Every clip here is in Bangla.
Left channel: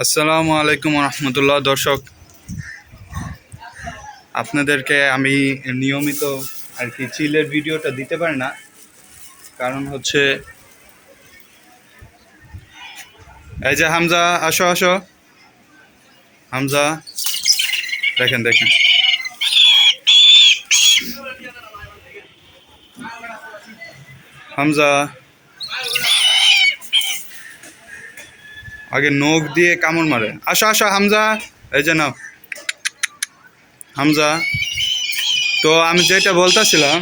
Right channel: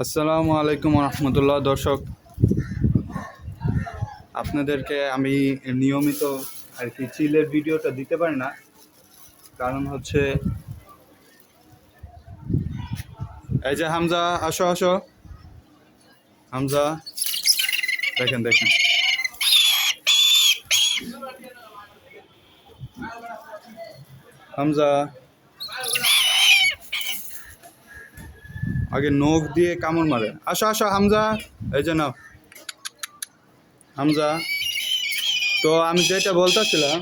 আসসালামু আলাইকুম রহমতুল্লাহ। দর্শক, আপনাদেরকে আমি নিয়মিত আর কি চিলের ভিডিওটা দিতে পারি না, কারণ হচ্ছে এই যে হামজা, আসো আসো হামজা, দেখেন দেখেন হামজা আগে নখ দিয়ে কামড় মারে। আসো আসো হামজা, এই যে নাও হামজা। তো আমি যেটা বলতেছিলাম,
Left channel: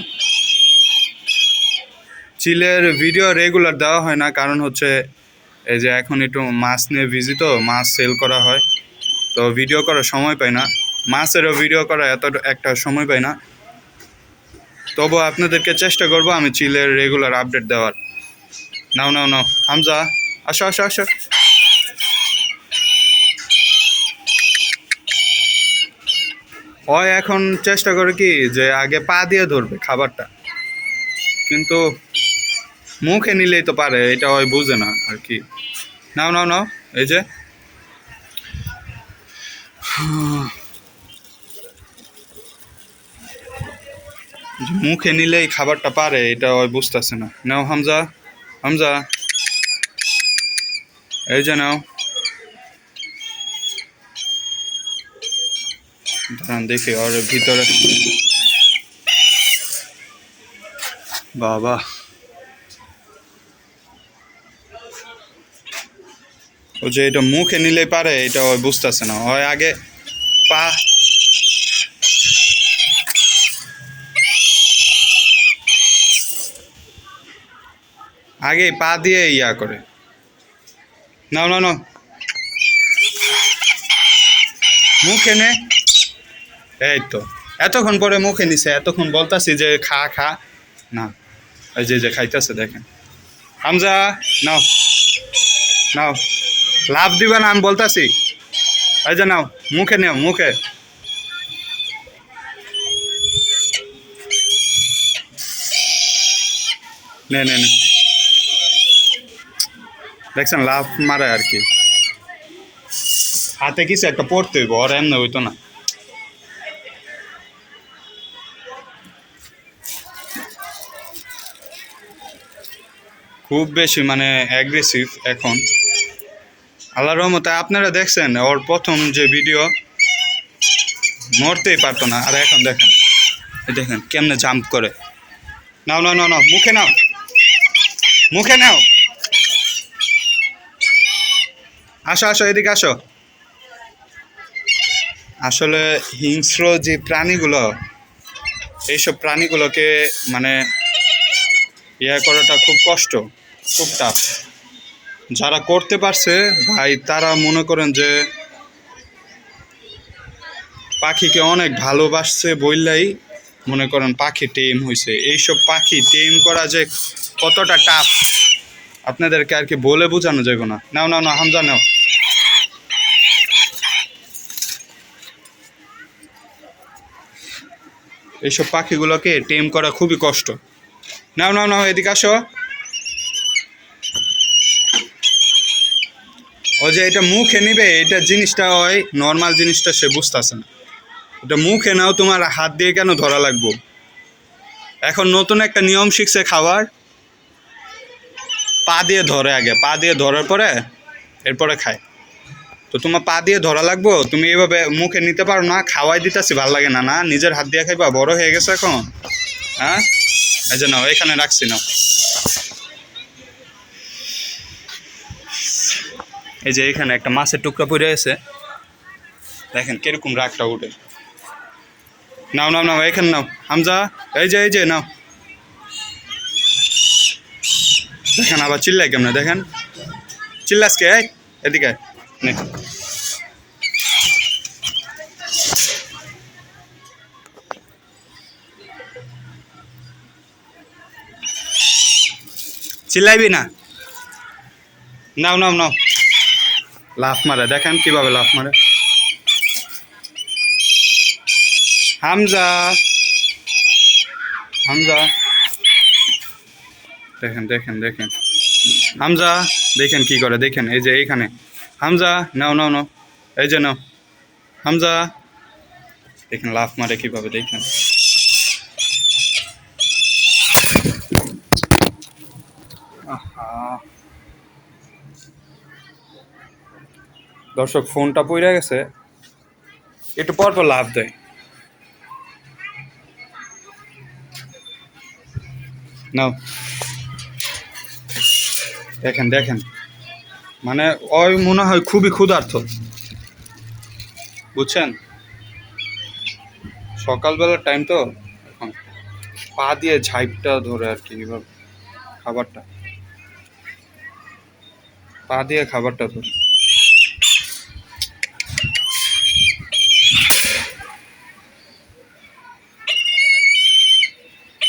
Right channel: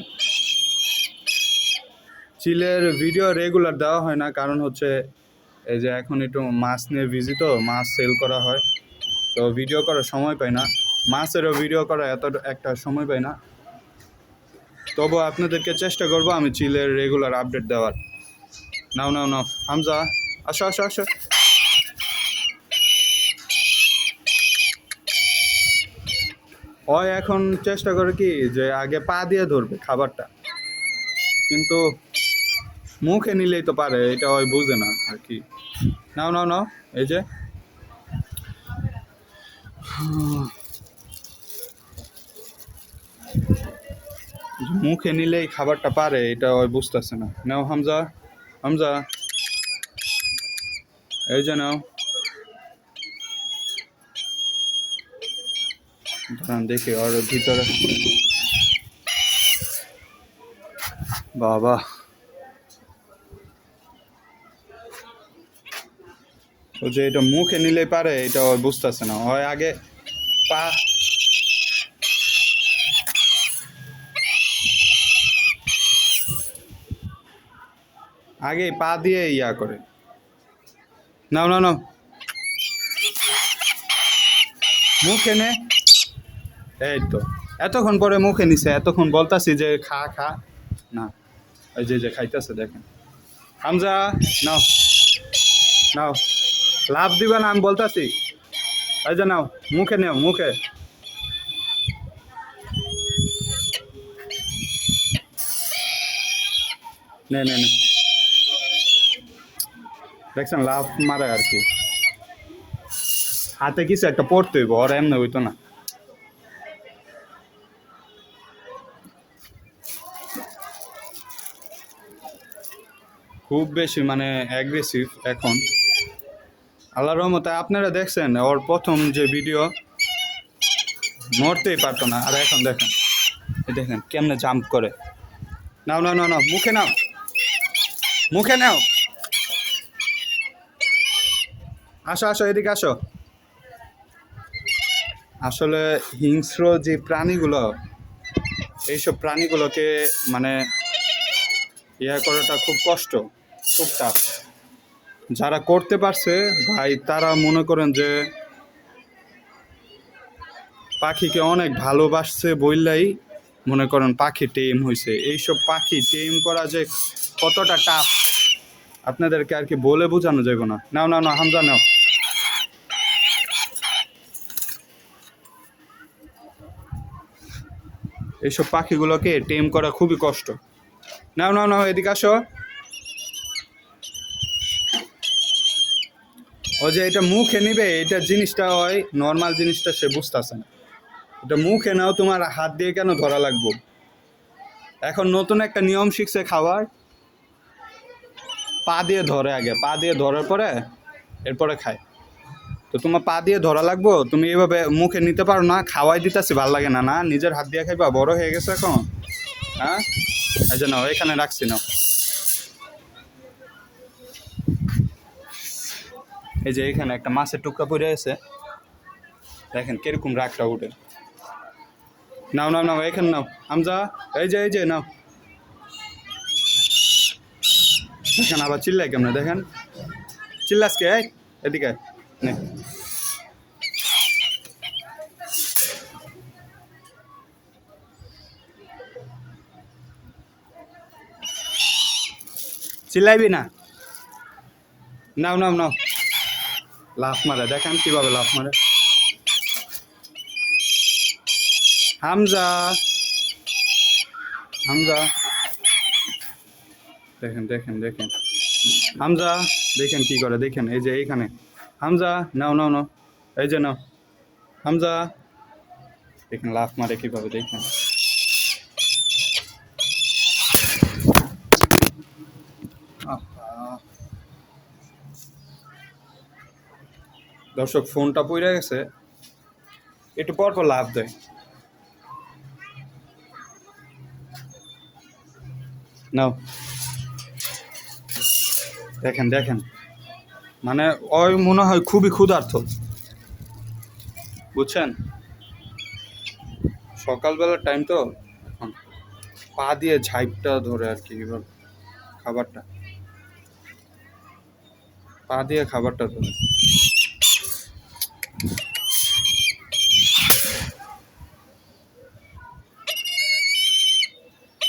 চিলের ভিডিও রেগুলার দেওয়া হয় না, কারণ হচ্ছে এই যে এখন একটু মাছ নিয়ে বিজি, তো মাছ সেল করা হয়, তো ভিডিও করার সময় পাই না, মাছেরও ভিডিও করা এত একটা সময় পাই না। তবু আপনাদেরকে চেষ্টা করব আমি চিলের রেগুলার আপডেট দেওয়ার। নাও নাও নাও হামজা, আসো আসো আসো। ও এখন চেষ্টা করে কি যে আগে পা দিয়ে ধরবে খাবারটা, কিন্তু মুখে নিলেই তো পারে, এটা ওই বুঝে না আর কি। নাও নাও নাও, এই যে মুখে নিলেই খাবারটা পারে, এটা ওই বুঝতেছে না। নাও হামজা, হামজা, এই যে নাও। দাঁড়ান দেখি ওর ভিতরে। বাবা, ও যে এটা মুখে নিলেই পারে, এটা ওই বুঝতেছে না। ওই আগে পা, আগে পা দিয়ে ইয়া করে। নাও নাও নাও, মুখে নে। এই তো এতক্ষণ পরে মুখে নিছে, এতক্ষণ বলতাছি যে খা খা, না। এই যে খাইতেছে দেখেন। হামজা, নাও নাও, লাভ দিবা না আমি বলতাছি। এই যে নাও, মুখে নাও, মুখে। নে নে নে, দেখছেন লাভ মারে আর কি। হাতে কিছু একটা পড়তে হইব, ওর এমনি হইতো না। খুব বেশি মানে অ্যাগ্রেসিভ এখন। আল্লাহর রহমতে আপনারা দেখছেন ওর প্রথম যে ভিডিও, মরতেই পারতো না, আর এখন দেখেন, দেখেন কেমনে জাম্প করে। নাও নাও নাও নাও, মুখে নাও, মুখে নাও। আসো আসো, এদিকে আসো। আসলে হিংস্র যে প্রাণীগুলো, এইসব প্রাণীগুলোকে মানে ইয়া করাটা খুব কষ্ট, খুব টাফ। যারা করতে পারছে ভাই, তারা মনে করেন যে পাখিকে অনেক ভালোবাসছে বললেই মনে করেন পাখি টেম হয়েছে। এইসব পাখি টেম করা যে কতটা টাফ আপনাদেরকে আর কি বলে বোঝানো যাবে না। নাও নাও নাও হামজা, নাও। এইসব পাখিগুলোকে টেম করা খুবই কষ্ট। নাও নাও নাও, এদিকে আসো। ও যে এটা মুখে নিবে, এটা জিনিসটা ওই নর্মাল জিনিসটা সে বুঝতেছে না। এটা মুখে নাও, তোমার হাত দিয়ে কেন ধরা লাগবো? এখন নতুন একটা নিয়ম শিখছে খাবার, পা দিয়ে ধরে, আগে পা দিয়ে ধরার পরে এরপরে খায়। তো তোমার পা দিয়ে ধরা লাগবো, তুমি এভাবে মুখে নিতে পারো না। খাওয়াই দিতেছি, ভাল লাগে না, না নিজের হাত দিয়ে খাইবা? বড় হয়ে গেছে এখন, হ্যাঁ। এই যে নাও, এখানে রাখছি, নাও। এই যে এখানে একটা মাছের টুকরা পড়ে আছে, দেখেন কিরকম রাগটা উঠে। নাও নাও নাও, এখানে নাও হামজা, এই যে নাও। দেখেন আবার চিল্লাই কেমনে, দেখেন চিল্লাসকে। এদিকে আয়, নে। চিল্লাইবি না, নাও নাও নাও। লাফ মারে, দেখেন কিভাবে লাফ মারে হামজা, হামজা। দেখেন দেখেন দেখেন হামজা, দেখেন কি করে, দেখেন এই যে এইখানে হামজা নাও নাও নাও, এই যে নাও হামজা। দেখেন লাফ মারে কিভাবে, দেখেন। আহা, দর্শক ফোনটা পড়ে গেছে, একটু পর পর লাফ দেয়। নাও দেখেন দেখেন, মানে ওই মনে হয় খুবই ক্ষুধার্ত, বুঝছেন? সকালবেলার টাইম তো এখন, পা দিয়ে ঝাইপটা ধরে আর কি, এবার খাবারটা পা দিয়ে খাবারটা ধরে।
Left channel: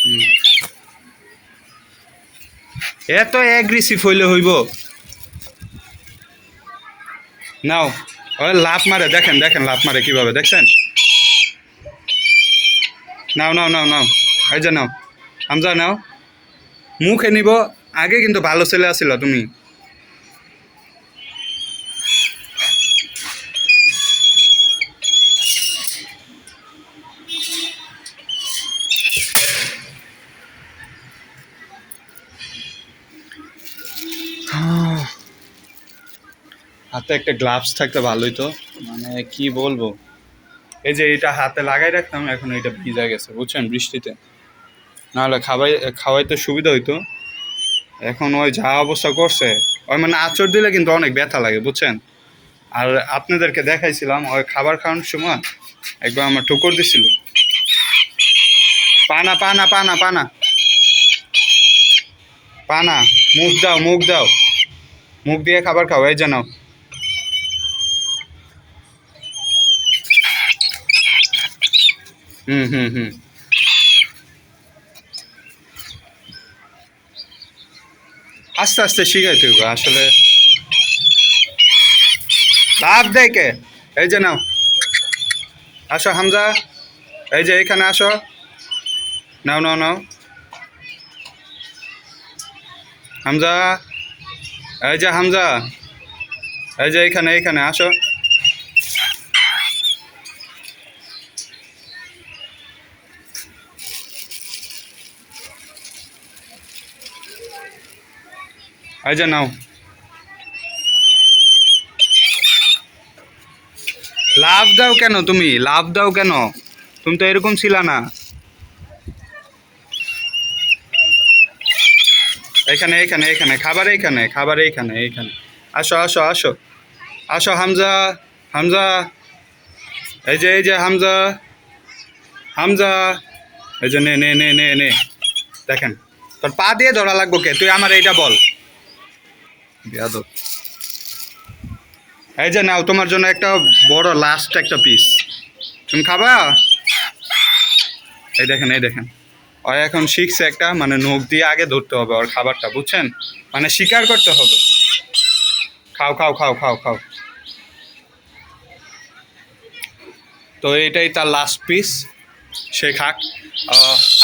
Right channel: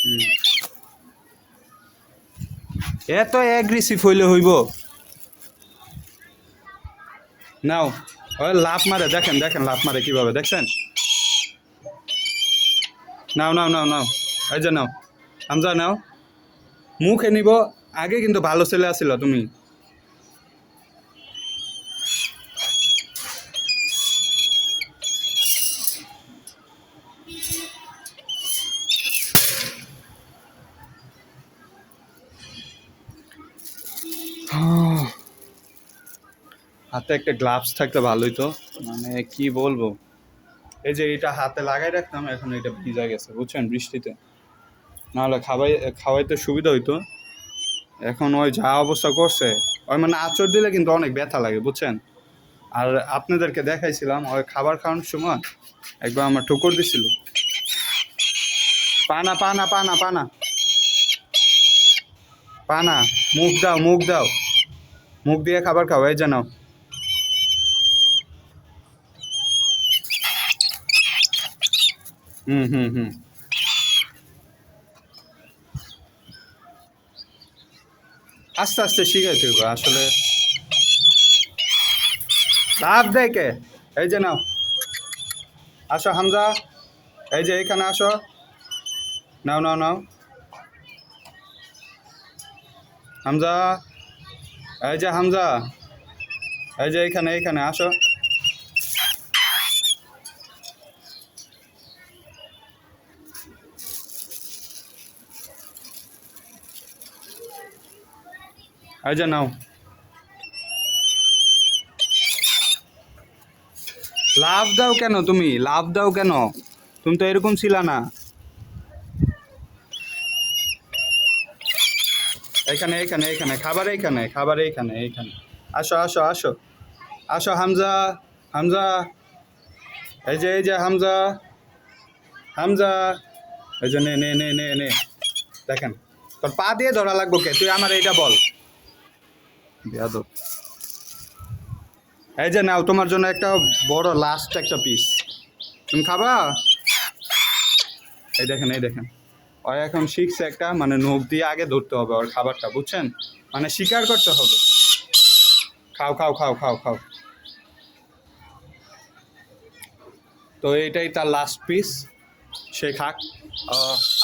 হুম। এত অ্যাগ্রেসিভ হইলে হইব? নাও, ওই লাফ মারে, দেখেন দেখেন লাফ মারে কিভাবে, দেখছেন? নাও নাও নাও নাও, এই যে নাও হামজা নাও, মুখে নিব। আগে কিন্তু ভালো ছেলে আছিল তুমি। হাতে একটা গ্লাভস থাকতে ভালোই তো, মানে কি বলবো। এই যে এটা হাতে লাগাই রাখতাম, এখন এটা ভিজা গেছে, বুঝছেন, বৃষ্টিতে। নাহলে খাওয়াইতে সুবিধা হইতো। এখন ওই যা অবস্থা করছে, ওই মানে আঁচড় দিলে কিন্তু অনেক ব্যথা লাগে, বুঝছেন। আর আপনাদেরকে দেখাইছিলাম ওই খাবার খাওয়ানোর সময় একবার আমার ঠুকর দিছিল। পানা পানা পানা পানা পানা, মুখ দাও মুখ দাও, মুখ দিয়ে খাবার খাও, এই জানাও। হুম হুম হুম। আস্তে আস্তে শিখাইতে হবে আসলে। ভাব দেখে, এই যে নাও, আসো হামজা, এই যে এখানে আসো, নাও নাও নাও হামজা, এই যে হামজা, এই যে এইখানে এইখানে আসো। এই যে নাও। লাভ দাও কেন তুমি, লাভ দাও কেন? তুমি তো এরকম ছিল না। এখানে এখানে এখানে খাবার, এইখানে খাবার, এইখানে এইখানে। আসো আসো আসো, আসো হামজা, হামজা, এই যে হামজা, হামজা, এই যে নে নে নে নে নে। দেখেন, তোর পা দিয়ে ধরা লাগবো কে, তুই আমার এইটা বল। বেয়াদব। এই যে নাও, তোমার জন্য একটা বড় লাস্ট একটা পিস, তুমি খাবা। এই দেখেন এই দেখেন, ও এখন শিখছে একটা, মানে নখ দিয়ে আগে ধরতে হবে ওর খাবারটা, বুঝছেন, মানে স্বীকার করতে হবে। খাও খাও খাও খাও খাও। তো এটাই তার লাস্ট পিস, সে খাক।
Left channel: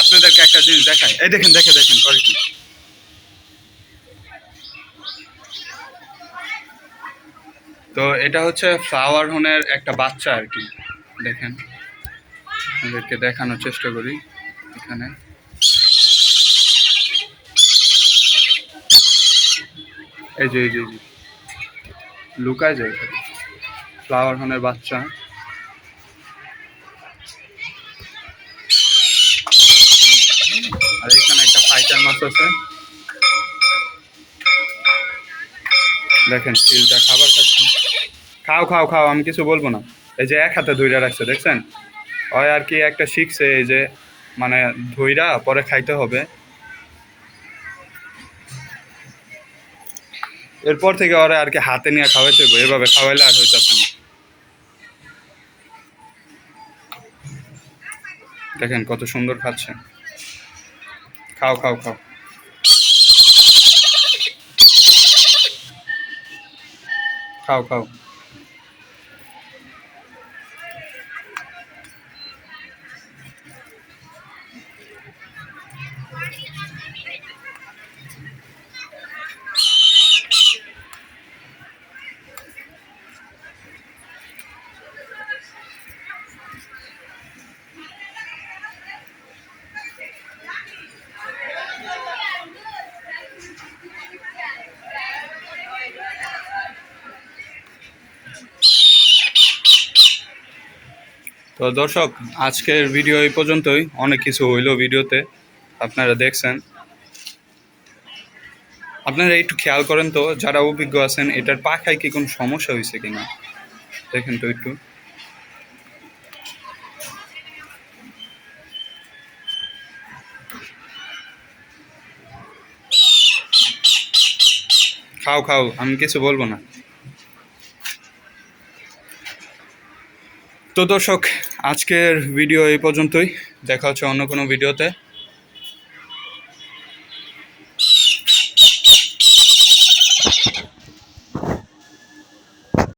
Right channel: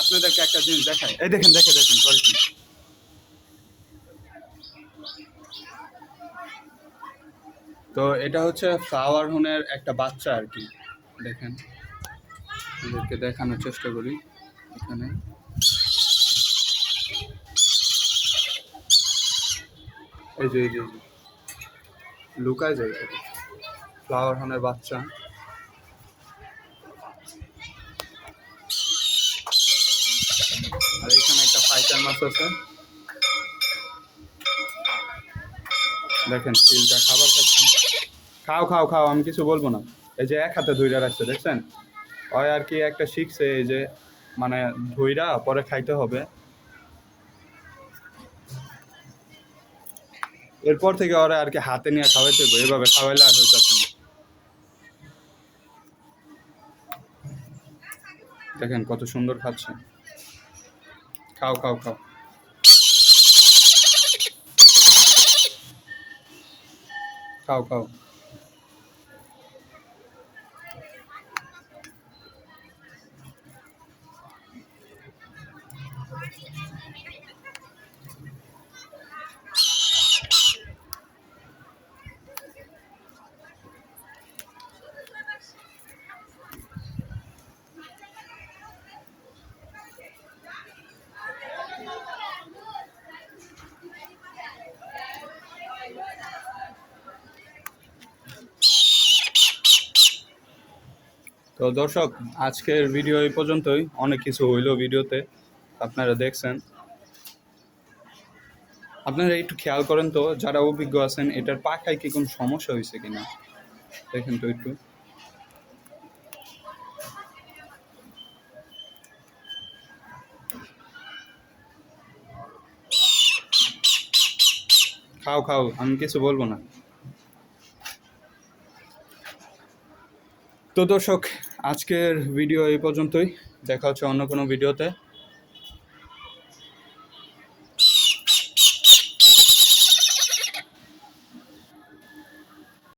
আপনাদেরকে একটা জিনিস দেখাই, এই দেখেন দেখে দেখেন করে কি। তো এটা হচ্ছে ফ্লাওয়ার হোনের একটা বাচ্চা আর কি, দেখেন, আপনাদেরকে দেখানোর চেষ্টা করি। এখানে এই যে এই যে এই যে, লুকায় যায় ফ্লাওয়ার হোনের বাচ্চা। আর এখানে একটা ফাইটার মাছ আছে, দেখেন চিলটা খাবার খাচ্ছে। খাও খাও খাও, আমি কিছু বলবো না। এই যে এক হাতে ধইরা রাখছে, দেখছেন, ওই আর কি একটা শিখছে, এই যে মানে ধইরা পরে খাইতে হবে। এরপর থেকে ওরা আর কি হাতে নিয়ে খাওয়াইতে হবে, এভাবে খাওয়াইলে আর হইতেছে না। দেখেন কত সুন্দর খাচ্ছে। খাও খাও খাও, খাও খাও। তো দর্শক, আজকের ভিডিও এই পর্যন্তই। অনেক কিছু হইলো ভিডিওতে, আপনারা দেখছেন। আপনারা একটু খেয়াল করেন তো, যারা অভিজ্ঞ আছেন, এটার পাখায় কি কোনো সমস্যা হয়েছে কিনা দেখেন তো একটু। খাও খাও, আমি কিছু বলবো না। তো দর্শক, আজকের ভিডিও এই পর্যন্তই। দেখা হচ্ছে অন্য কোনো ভিডিওতে।